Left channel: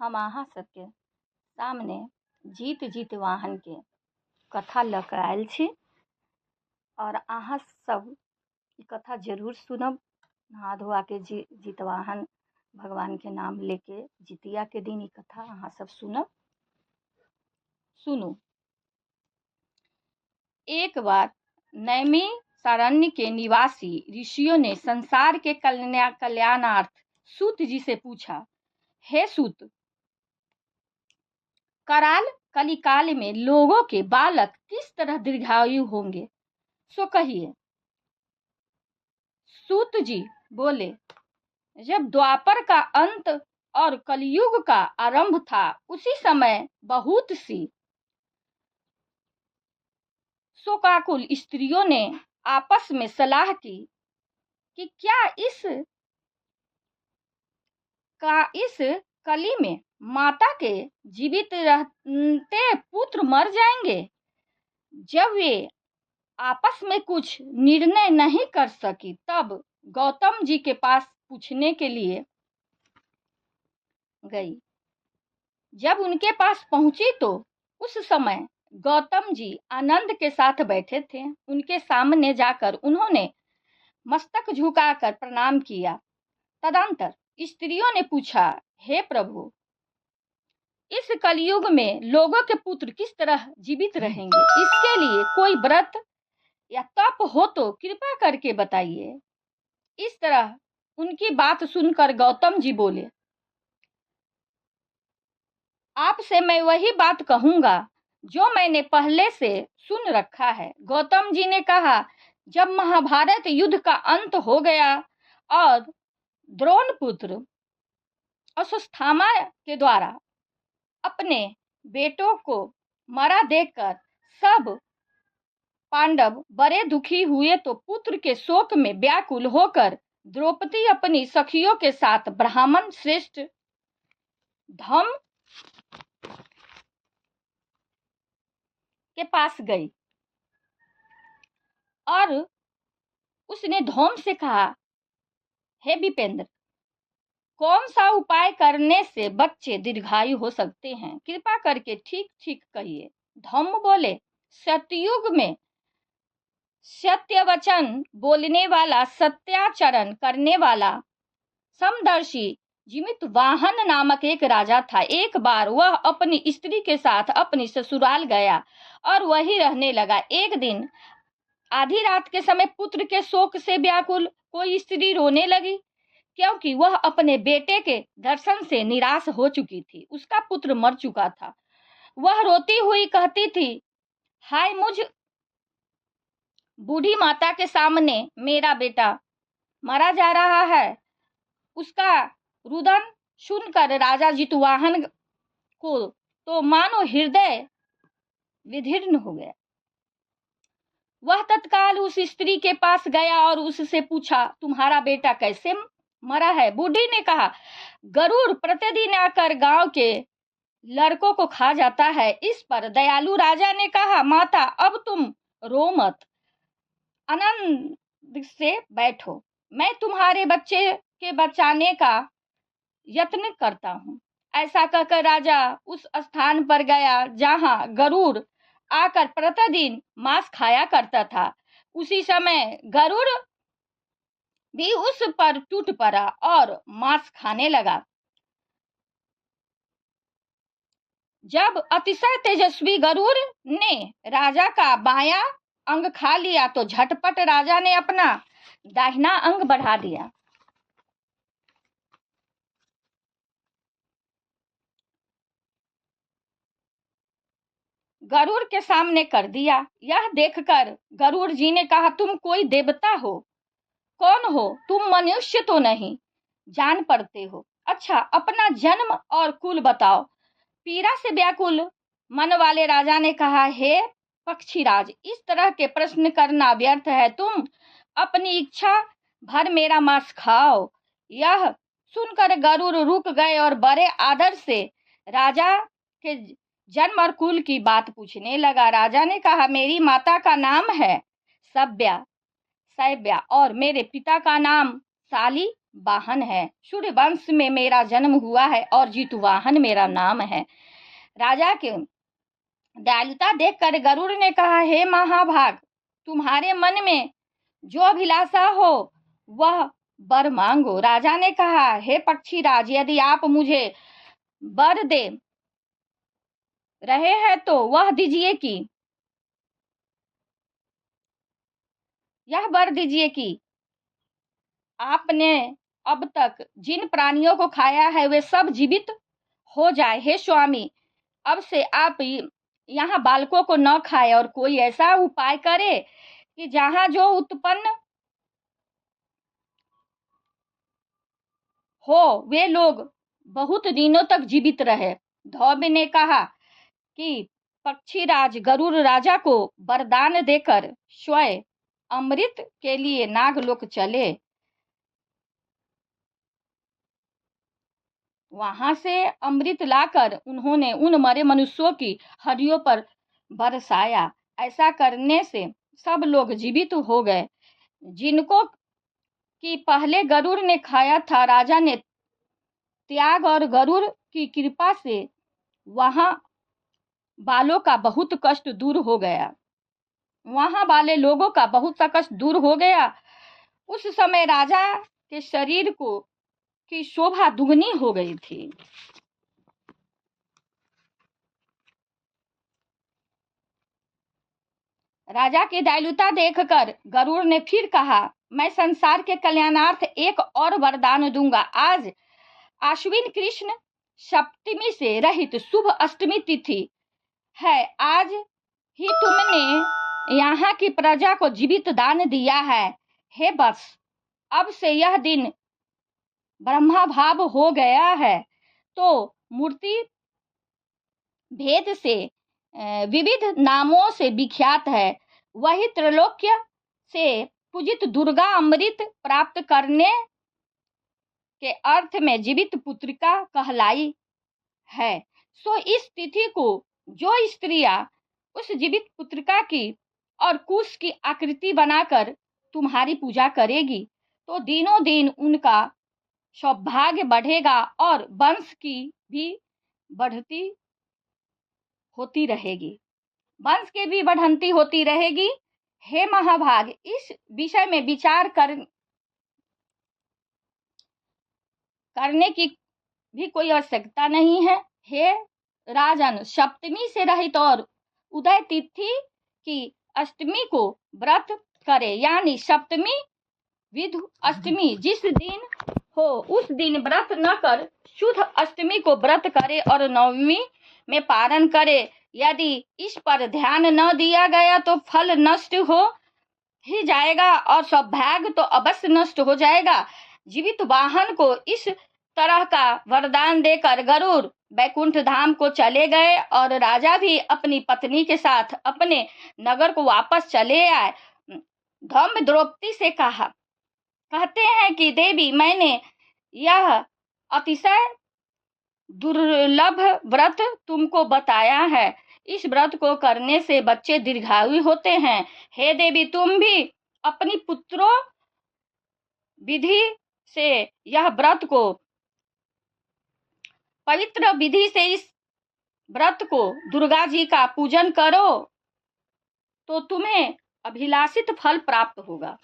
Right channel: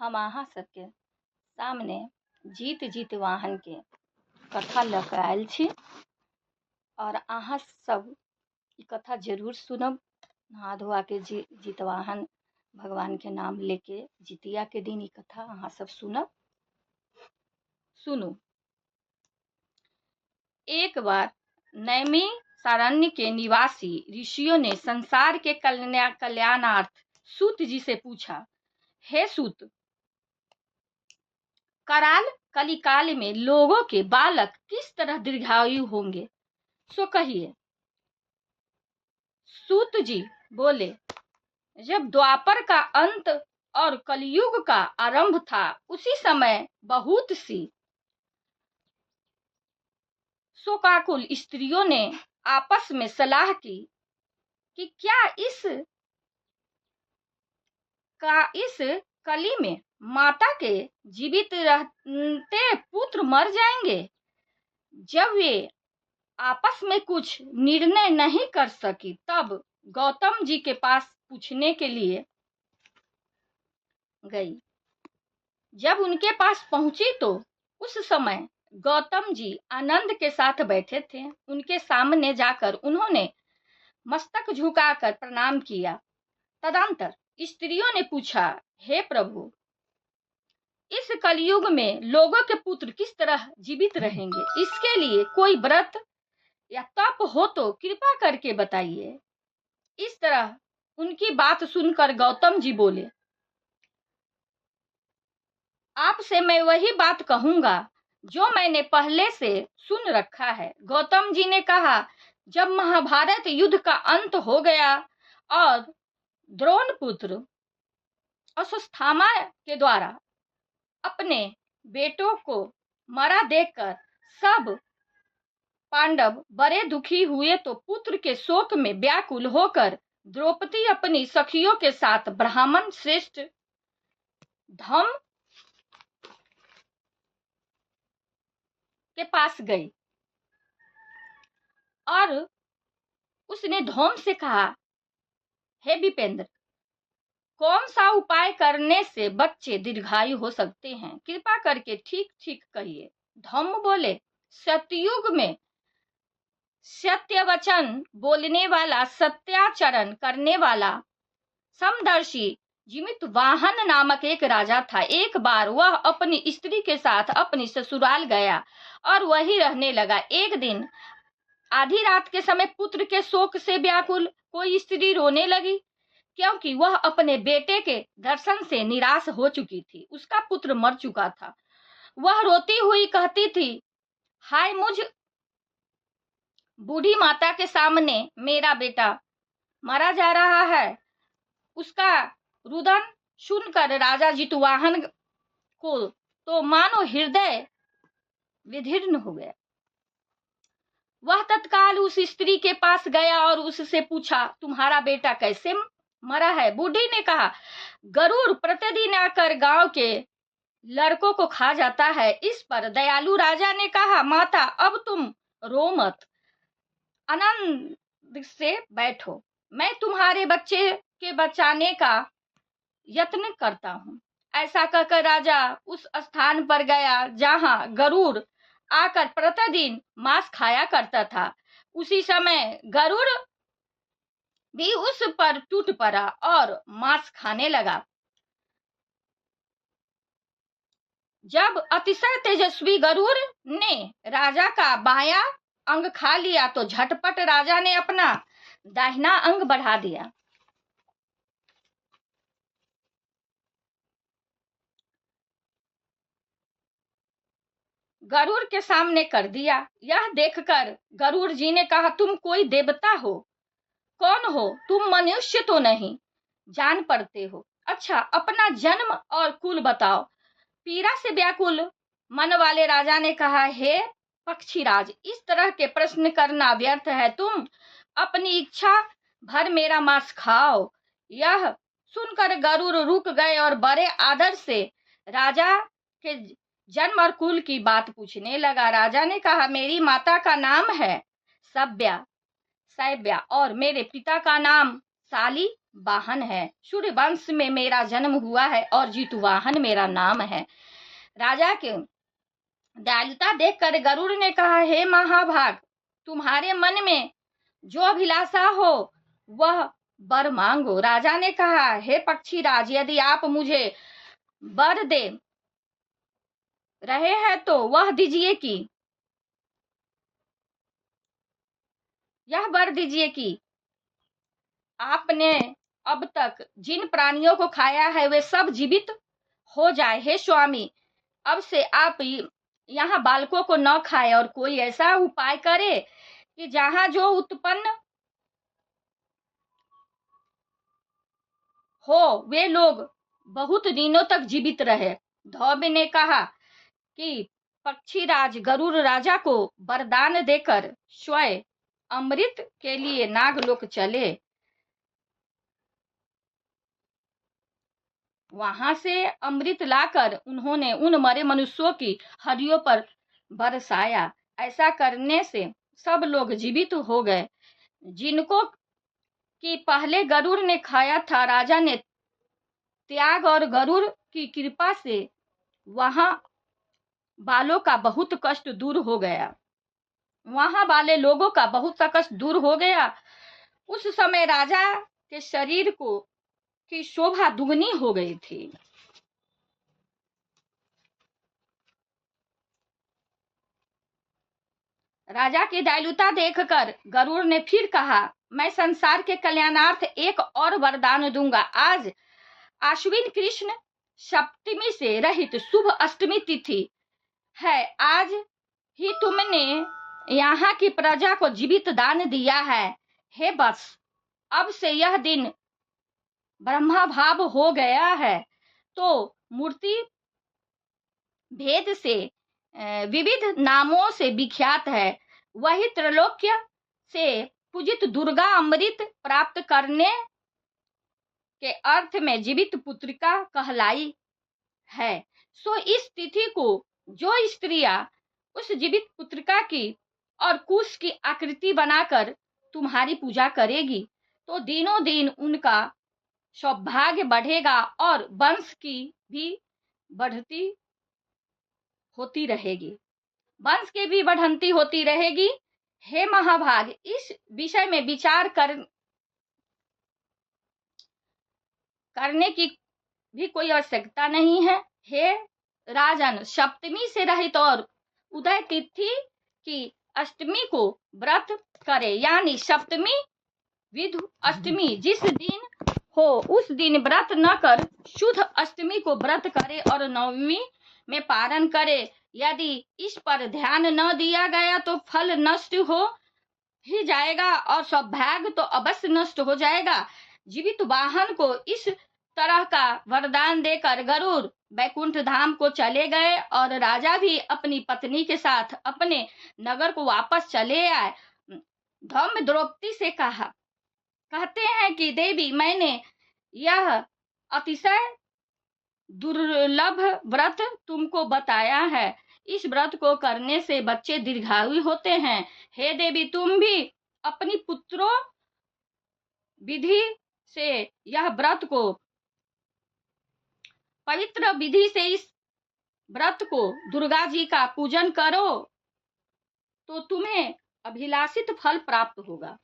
हम अहाँ सबके सामने जीत जीतवाहन के कथा लऽ कऽ आयल छी और अहाँ सब ई कथा जरूर सुनब। नहा धोआ के जीतवाहन भगवान के नाम लेके जितिया के दिन ई कथा अहाँ सब सुनब। सुनू। एक बार नैमी सारण्य के निवासी ऋषियों ने संसार के कल्याणार्थ सूत जी से पूछा, हे सूत, कराल कलिकाल में लोगों के बालक किस तरह दीर्घायु होंगे, सो कहिए। सूत जी बोले, जब द्वापर का अंत और कलयुग का आरंभ था, उसी समय बहुत सी शोकाकुल स्त्रियों ने आपस में सलाह की कि क्या इस कली में माता के जीवित रहते पुत्र मर जाएंगे। जब वे आपस में कुछ निर्णय नहीं कर सकी, तब गौतम जी के पास पूछने के लिए गई। जब उनके पास पहुंची तो उस समय गौतम जी आनंद के साथ बैठे थे। उनके सामने जाकर उन्होंने मस्तक झुकाकर प्रणाम किया। तदंतर स्त्रियों ने पूछा, हे प्रभु, इस कलयुग में लोगों के पुत्र किस तरह जीवित रहेंगे? इसके लिए कोई व्रत या तप हो तो कृपा करके बताइए। इस तरह उनकी बात सुनकर गौतम जी बोले, आपसे मैं वही बात कहूंगा जो मैंने पहले से सुन रखा है। गौतम जी ने कहा, जब महाभारत युद्ध का अंत हो गया और द्रोण पुत्र अश्वत्थामा के द्वारा अपने बेटों को मरा देखकर सब पांडव बड़े दुखी हुए, तो पुत्र के शोक में व्याकुल होकर द्रौपदी अपनी सखियों के साथ ब्राह्मण श्रेष्ठ धम के पास गई और उसने धौम से कहा, हे विपेंद्र, कौन सा उपाय करने से बच्चे दीर्घायु हो सकते हैं? कृपा करके ठीक ठीक कहिए। धौम बोले, सतयुग में सत्य वचन बोलने वाला, सत्याचरण करने वाला समदर्शी जीवित वाहन नामक एक राजा था। एक बार वह अपनी स्त्री के साथ अपनी ससुराल गया और वहीं रहने लगा। एक दिन आधी रात के समय पुत्र के शोक से व्याकुल कोई स्त्री रोने लगी, क्योंकि वह अपने बेटे के दर्शन से निराश हो चुकी थी। उसका पुत्र मर चुका था। वह रोती हुई कहती थी, हाय, मुझ बूढ़ी माता के सामने मेरा बेटा मरा जा रहा है। उसका रुदन सुनकर राजा जितवाहन को तो मानो हृदय विदीर्ण हो गया। वह तत्काल उस स्त्री के पास गया और उससे पूछा, तुम्हारा बेटा कैसे मरा है? बूढ़ी ने कहा, गरुड़ प्रतिदिन आकर गांव के लड़कों को खा जाता है। इस पर दयालु राजा ने कहा, माता, अब तुम रो मत, आनंद से बैठो, मैं तुम्हारे बच्चे के बचाने का यत्न करता हूँ। ऐसा कहकर राजा उस स्थान पर गया जहां गरुड़ आकर प्रतिदिन मांस खाया करता था। उसी समय गरुड़ भी उस पर टूट पड़ा और मांस खाने लगा। जब अतिशय तेजस्वी गरुड़ ने राजा का बायां अंग खा लिया तो झटपट राजा ने अपना दाहिना अंग बढ़ा दिया। गरुड़ के सामने कर दिया। यह देखकर गरुड़ जी ने कहा, तुम कोई देवता हो? कौन हो तुम? मनुष्य तो नहीं जान पड़ते हो। अच्छा, अपना जन्म और कुल बताओ। पीड़ा से व्याकुल मन वाले राजा ने कहा, हे पक्षीराज, इस तरह के प्रश्न करना व्यर्थ है। तुम अपनी इच्छा भर मेरा मांस खाओ। यह सुनकर गरुड़ रुक गए और बड़े आदर से राजा के जन्म और कुल की बात पूछने लगा। राजा ने कहा, मेरी माता का नाम है सैव्या और मेरे पिता का नाम साली वाहन है। सूर्य वंश में मेरा जन्म हुआ है और जितवाहन मेरा नाम है। राजा के दयालुता देखकर गरुड़ ने कहा, हे महाभाग, तुम्हारे मन में जो अभिलाषा हो वह वर मांगो। राजा ने कहा, हे पक्षीराज, यदि आप मुझे वर दे रहे हैं तो वह दीजिए कि यह वर दीजिए कि आपने अब तक जिन प्राणियों को खाया है वे सब जीवित हो जाए। हे स्वामी, अब से आप यहाँ बालकों को न खाए और कोई ऐसा उपाय करे कि जहाँ जो उत्पन्न हो वे लोग बहुत दिनों तक जीवित रहे। धौम्य ने कहा कि पक्षीराज गरुड़ राजा को वरदान देकर स्वयं अमृत के लिए नागलोक चले। वहां से अमृत लाकर उन्होंने उन मरे मनुष्यों की हड्डियों पर बरसाया। ऐसा करने से सब लोग जीवित हो गए जिनको कि पहले गरुड़ ने खाया था। राजा ने त्याग और गरुड़ की कृपा से वहां बालों का बहुत कष्ट दूर हो गया। वहां वाले लोगों का बहुत सा कष्ट दूर हो गया। उस समय राजा के शरीर को की शोभा दुगनी हो गई थी। राजा की दयालुता देखकर गरुड़ ने फिर कहा, मैं संसार के कल्याणार्थ एक और वरदान दूंगा। आज आश्विन कृष्ण सप्तमी से रहित शुभ अष्टमी तिथि है। आज ही तुमने यहाँ की प्रजा को जीवित दान दिया है। हे बस, अब से यह दिन ब्रह्मा भाव हो गया है तो मूर्ति भेद से विविध नामों से विख्यात है। वही त्रैलोक्य से पूजित दुर्गा अमृत प्राप्त करने के अर्थ में जीवित पुत्रिका कहलाई है। सो इस तिथि को जो स्त्रियां उस जीवित पुत्रिका की और कुश की आकृति बनाकर तुम्हारी पूजा करेगी तो दिनों दिन उनका सौभाग्य बढ़ेगा और वंश की भी बढ़ती होती रहेगी। वंश की भी बढ़ंती होती रहेगी। हे महाभाग, इस विषय में विचार करने की भी कोई आवश्यकता नहीं है। हे राजन, सप्तमी से रहित और उदय तिथि की अष्टमी को व्रत करे, यानी सप्तमी विधु अष्टमी जिस दिन हो उस दिन व्रत न कर शुद्ध अष्टमी को व्रत करे और नवमी में पारण करे। यदि इस पर ध्यान न दिया गया तो फल नष्ट हो ही जाएगा और सौभाग्य तो अवश्य नष्ट हो जाएगा। जीवित वाहन को इस तरह का वरदान देकर गरुड़ बैकुंठ धाम को चले गए और राजा भी अपनी पत्नी के साथ अपने नगर को वापस चले आए। धौम्य द्रौपदी से कहते हैं कि देवी, मैंने यह अतिशय दुर्लभ व्रत तुमको बताया है। इस व्रत को करने से बच्चे दीर्घायु होते हैं। हे देवी, तुम भी अपनी पुत्रों विधि से यह व्रत को पवित्र विधि से इस व्रत को दुर्गा जी का पूजन करो तो तुम्हें अभिलाषित फल प्राप्त होगा।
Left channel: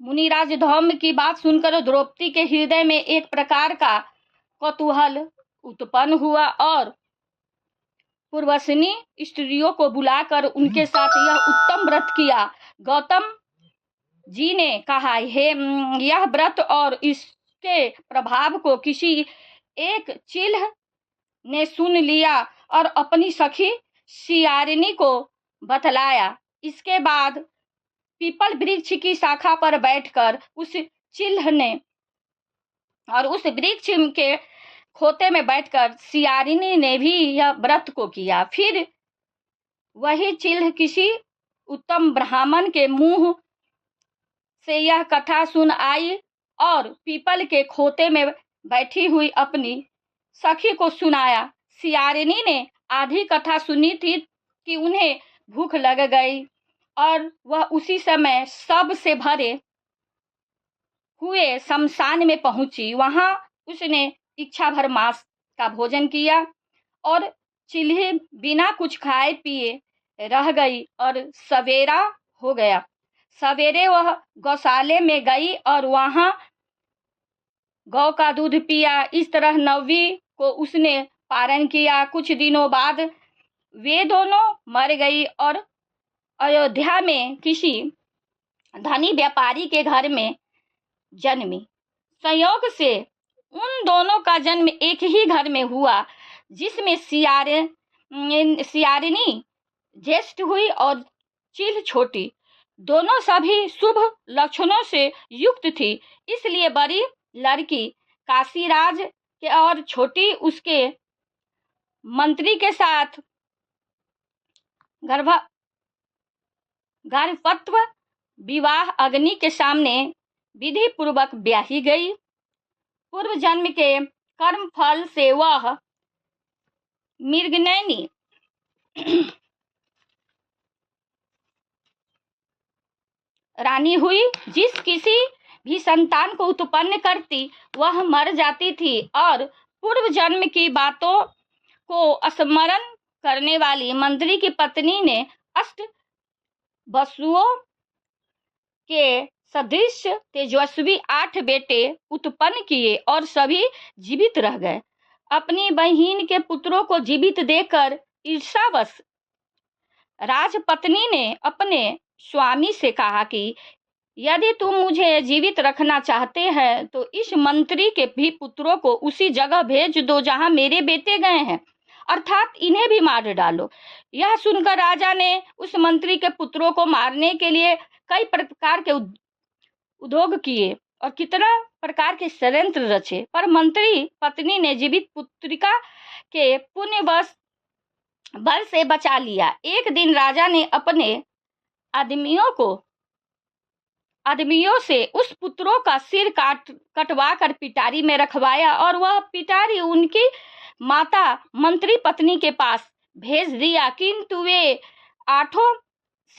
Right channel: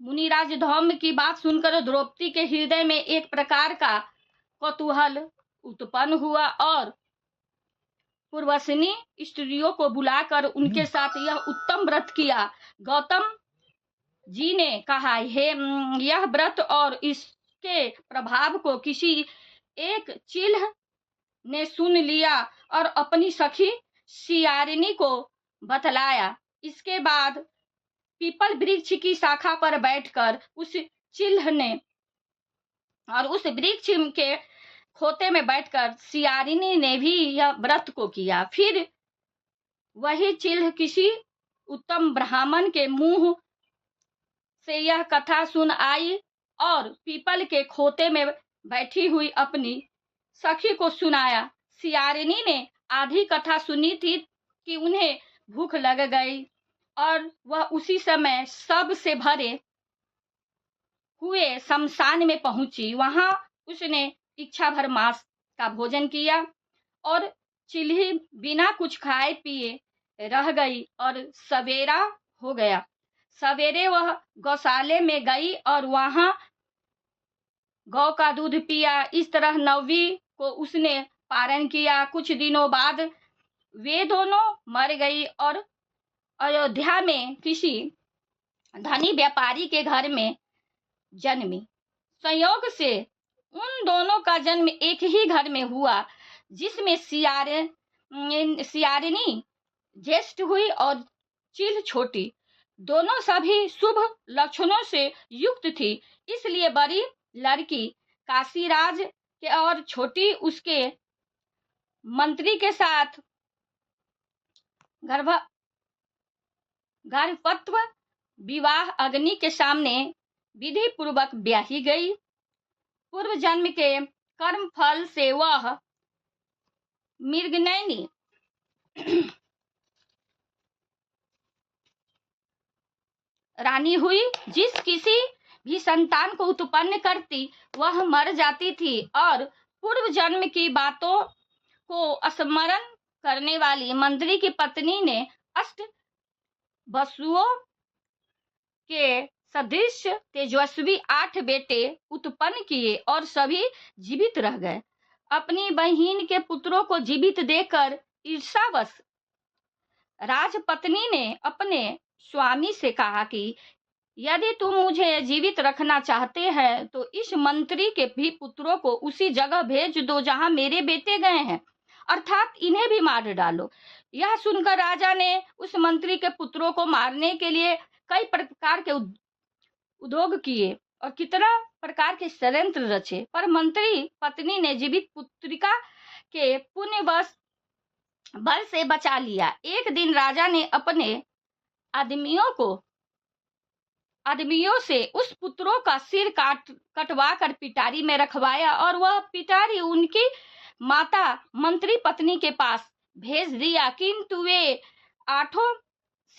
मुनिराज धौम्य की बात सुनकर द्रौपदी के हृदय में एक प्रकार का कौतूहल उत्पन्न हुआ और पूर्वसनी स्त्रियों को बुलाकर उनके साथ यह उत्तम व्रत किया। गौतम जी ने कहा, हे यह व्रत और इसके प्रभाव को किसी एक चिल्ह ने सुन लिया और अपनी सखी सियारिनी को बतलाया। इसके बाद पीपल वृक्ष की शाखा पर बैठकर उस चिल्ह ने और उस वृक्ष के खोते में बैठकर सियारिनी ने भी यह व्रत को किया। फिर वही चिल्ह किसी उत्तम ब्राह्मण के मुंह से यह कथा सुन आई और पीपल के खोते में बैठी हुई अपनी सखी को सुनाया। सियारिनी ने आधी कथा सुनी थी कि उन्हें भूख लग गई और वह उसी समय सब से भरे हुए शमशान में पहुंची। वहां उसने इच्छा भर मांस का भोजन किया और चिल्ही बिना कुछ खाए पिए रह गई और सवेरा हो गया। सवेरे वह गौशाले में गई और वहां गौ का दूध पिया। इस तरह नौवीं को उसने पारण किया। कुछ दिनों बाद वे दोनों मर गई और अयोध्या में किसी धनी व्यापारी के घर में जन्मी। संयोग से उन दोनों का जन्म एक ही घर में हुआ, जिसमें सियारिनी ज्येष्ठ हुई और चिल छोटी। दोनों सभी शुभ लक्षणों से युक्त थी, इसलिए बड़ी लड़की काशीराज के और छोटी उसके मंत्री के साथ गर्भवत्व विवाह अग्नि के सामने विधि पूर्वक ब्याही गई। पूर्व जन्म के कर्म फल से वह मृगनयनी रानी हुई। जिस किसी भी संतान को उत्पन्न करती वह मर जाती थी और पूर्व जन्म की बातों को स्मरण करने वाली मंत्री की पत्नी ने अष्ट वसुओं के सदृश तेजस्वी 8 बेटे उत्पन्न किए और सभी जीवित रह गए। अपनी बहन के पुत्रों को जीवित देखकर ईर्ष्यावश राजपत्नी ने अपने स्वामी से कहा कि यदि तुम मुझे जीवित रखना चाहते हैं तो इस मंत्री के भी पुत्रों को उसी जगह भेज दो जहां मेरे बेटे गए हैं, अर्थात इन्हें भी मार डालो। यह सुनकर राजा ने उस मंत्री के पुत्रों को मारने के लिए कई प्रकार के उद्योग किए और कितना प्रकार के षड्यंत्र रचे, पर मंत्री पत्नी ने जीवित पुत्रिका के पुण्यवश बल से बचा लिया। एक दिन राजा ने अपने आदमियों से उस पुत्रों का सिर कटवा कर पिटारी में रखवाया और वह पिटारी उनकी माता मंत्री पत्नी के पास भेज दिया, किंतु वे 8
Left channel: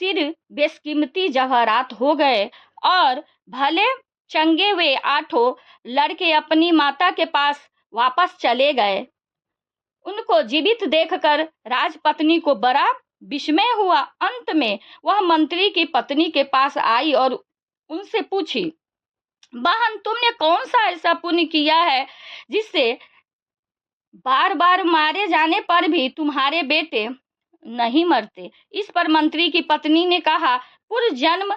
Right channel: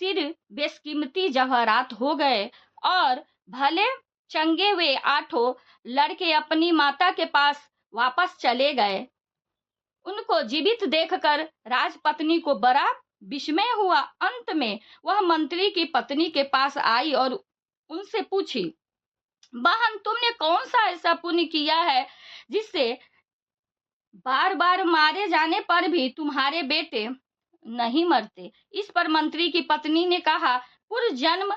सिर बेशकीमती जवाहरात हो गए और भले चंगे वे 8 लड़के अपनी माता के पास वापस चले गए। उनको जीवित देखकर राजपत्नी को बड़ा विस्मय हुआ। अंत में वह मंत्री की पत्नी के पास आई और उनसे पूछी, बहन, तुमने कौन सा ऐसा पुण्य किया है जिससे बार बार मारे जाने पर भी तुम्हारे बेटे नहीं मरते? इस पर मंत्री की पत्नी ने कहा, पूर्व जन्म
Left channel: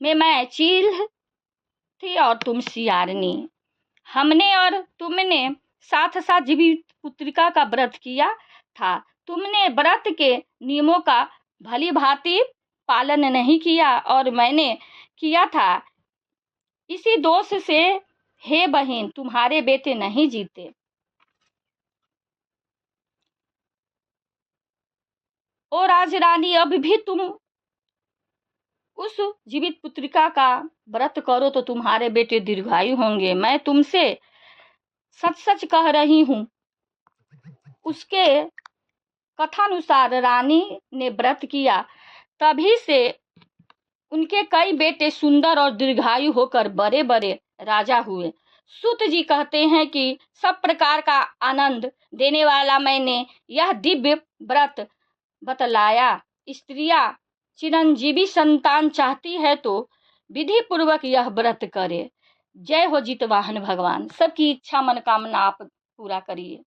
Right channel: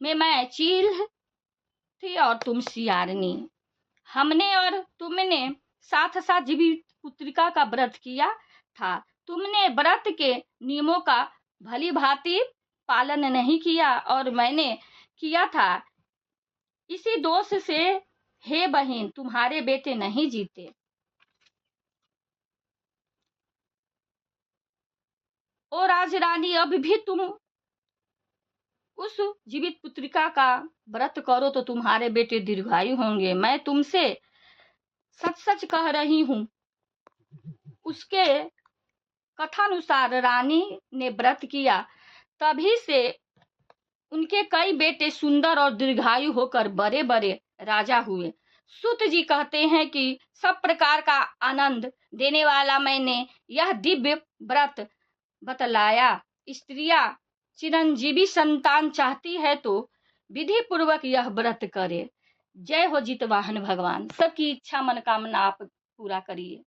में मैं चील थी और तुम सियारनी। हमने और तुमने साथ साथ जीवित पुत्रिका का व्रत किया था। तुमने व्रत के नियमों का भली भांति पालन नहीं किया और मैंने किया था। इसी दोष से हे बहन तुम्हारे बेटे नहीं जीते। ओ राजरानी, अब भी तुम उस जीवित पुत्रिका का व्रत करो तो तुम्हारे बेटे दीर्घायु होंगे। मैं तुमसे सच सच कह रही हूँ। उसके कथानुसार रानी ने व्रत किया, तभी से उनके कई बेटे सुंदर और दीर्घायु होकर बड़े बड़े राजा हुए। सूत जी कहते हैं कि सब प्रकार का आनंद देने वाला मैंने यह दिव्य व्रत बतलाया। स्त्रियां चिरंजीवी संतान चाहती है तो विधि पूर्वक यह व्रत करे। जय हो जितवाहन भगवान। सबकी इच्छा मनोकामना आप पूरा करिए।